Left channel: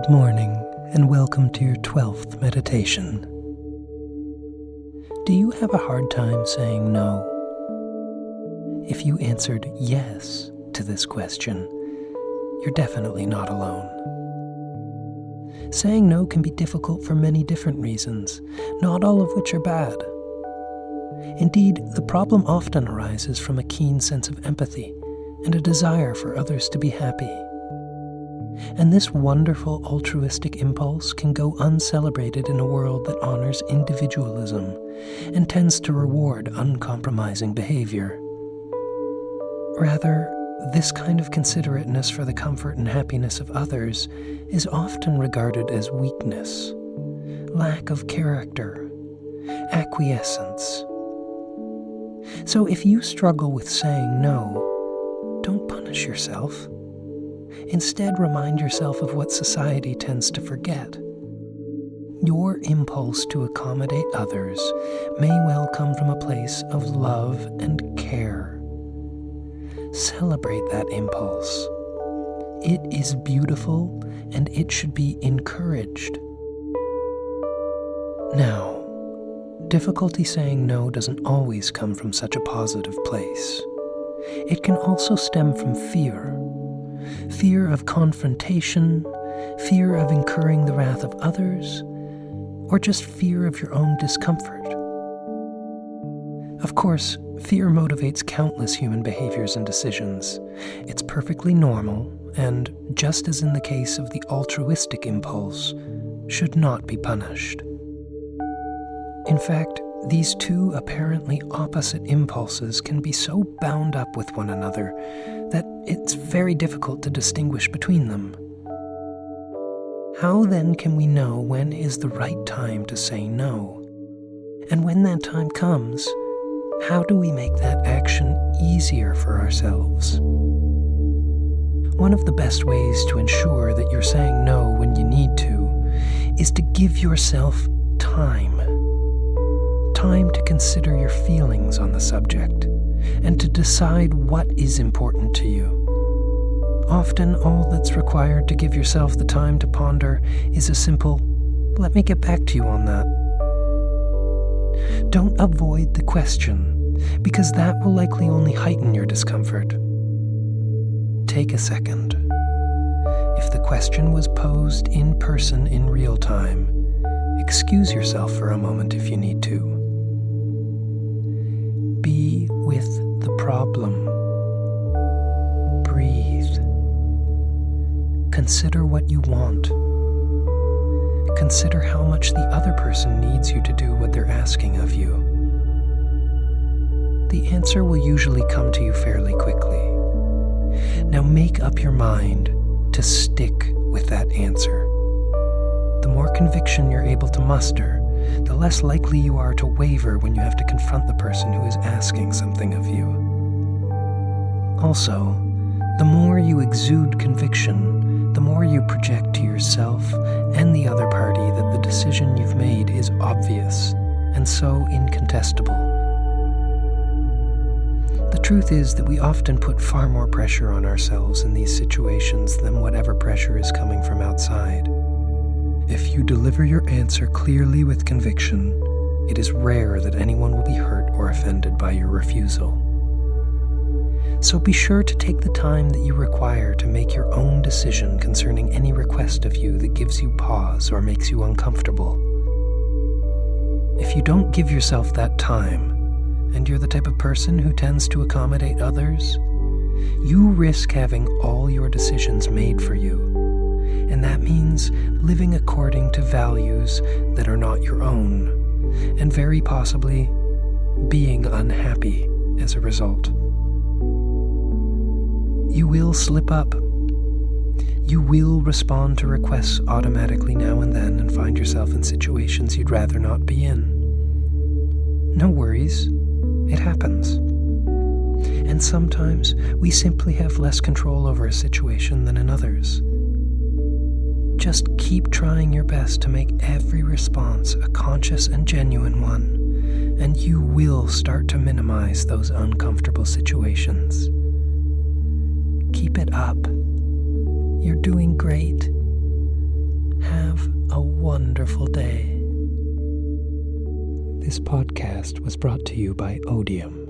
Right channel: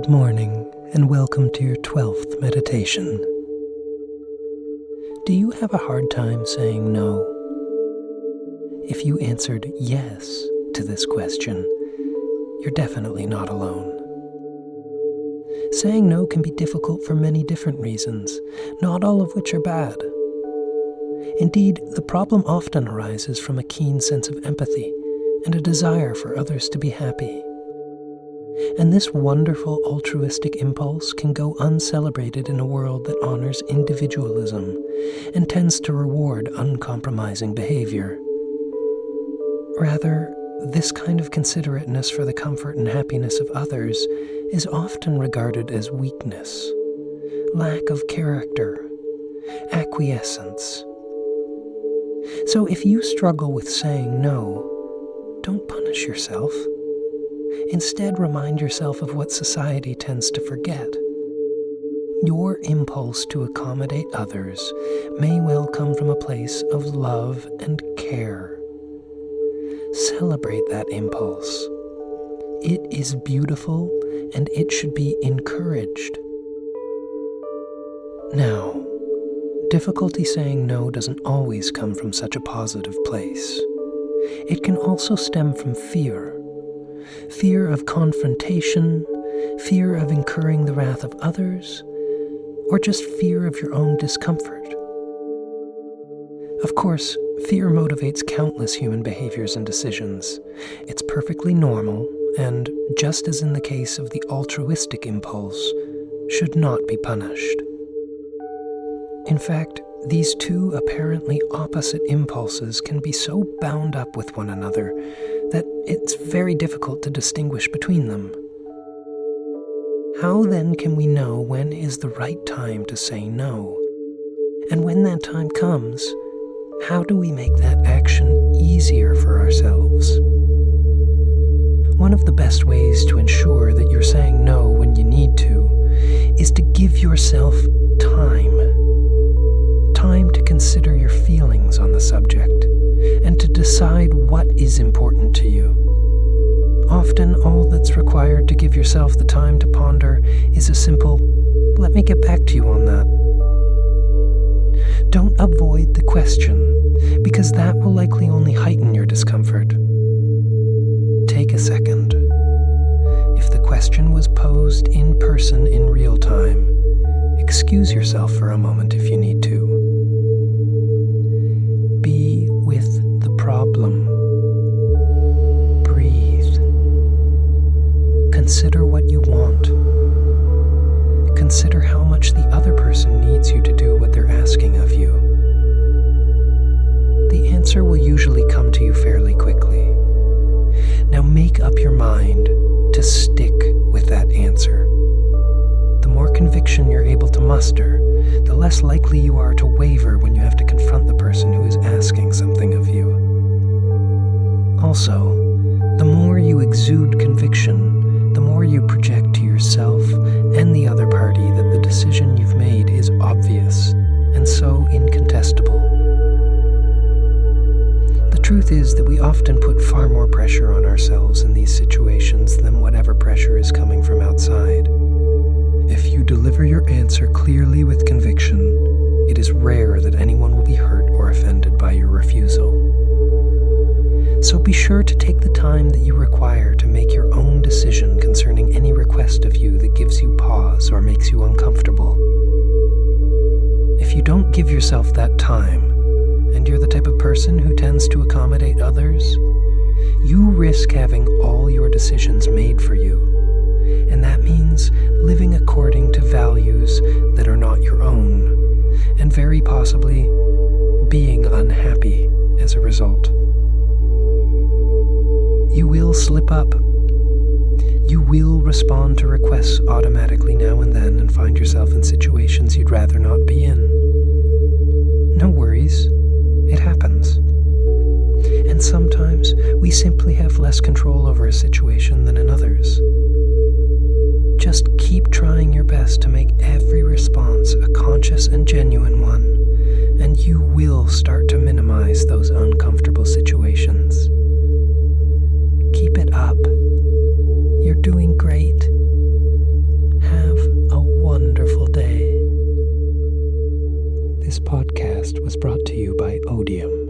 Good morning, and welcome to your 12th meditation. Do you have a hard time saying no? If you answered yes to this question, you're definitely not alone. Saying no can be difficult for many different reasons, not all of which are bad. Indeed, the problem often arises from a keen sense of empathy and a desire for others to be happy. And this wonderful altruistic impulse can go uncelebrated in a world that honors individualism and tends to reward uncompromising behaviour. Rather, this kind of considerateness for the comfort and happiness of others is often regarded as weakness, lack of character, acquiescence. So if you struggle with saying no, don't punish yourself. Instead, remind yourself of what society tends to forget. Your impulse to accommodate others may well come from a place of love and care. Celebrate that impulse. It is beautiful and it should be encouraged. Now, difficulty saying no doesn't always come from such a positive place. It can also stem from fear. Fear of confrontation, fear of incurring the wrath of others, or just fear of your own discomfort. Of course, fear motivates countless human behaviors and decisions. It's perfectly normal, and just as in the case of the altruistic impulse, should not be punished. In fact, these two apparently opposite impulses can be so bound up with one another that it's very difficult to distinguish between them. How then can we know when is the right time to say no? And when that time comes, how do we make that action easier for ourselves? One of the best ways to ensure that you're saying no when you need to is to give yourself time. Time to consider your feelings on the subject and to decide what is important to you. Often, all that's required to give yourself the time to ponder is a simple, "Let me get back to you on that." Don't avoid the question, because that will likely only heighten your discomfort. Take a second. If the question was posed in person in real time, excuse yourself for a moment if you need to. Be with the problem. Breathe. Consider what you want. Consider how much the other person needs you to do what they're asking of you. The answer will usually come to you fairly quickly. Now make up your mind to stick with that answer. The more conviction you're able to muster, the less likely you are to waver when you have to confront the person who is asking something of you. Also, the more you exude conviction, the more you project to yourself and the other party that the decision you've made is obvious and so incontestable. The truth is that we often put far more pressure on ourselves in these situations than whatever pressure is coming from outside. If you deliver your answer clearly with conviction, it is rare that anyone will be hurt or offended by your refusal. So be sure to take the time that you require to make your own decision concerning any request of you that gives you pause or makes you uncomfortable. If you don't give yourself that time, and you're the type of person who tends to accommodate others, you risk having all your decisions made for you. And that means living according to values that are not your own, and very possibly being unhappy as a result. You will slip up. You will respond to requests automatically now and then and find yourself in situations you'd rather not be in. No worries, it happens. And sometimes we simply have less control over a situation than in others. Just keep trying your best to make every response a conscious and genuine one, and you will start to minimize those uncomfortable situations. Keep it up. You're doing great. wonderful day. This podcast was brought to you by Odium.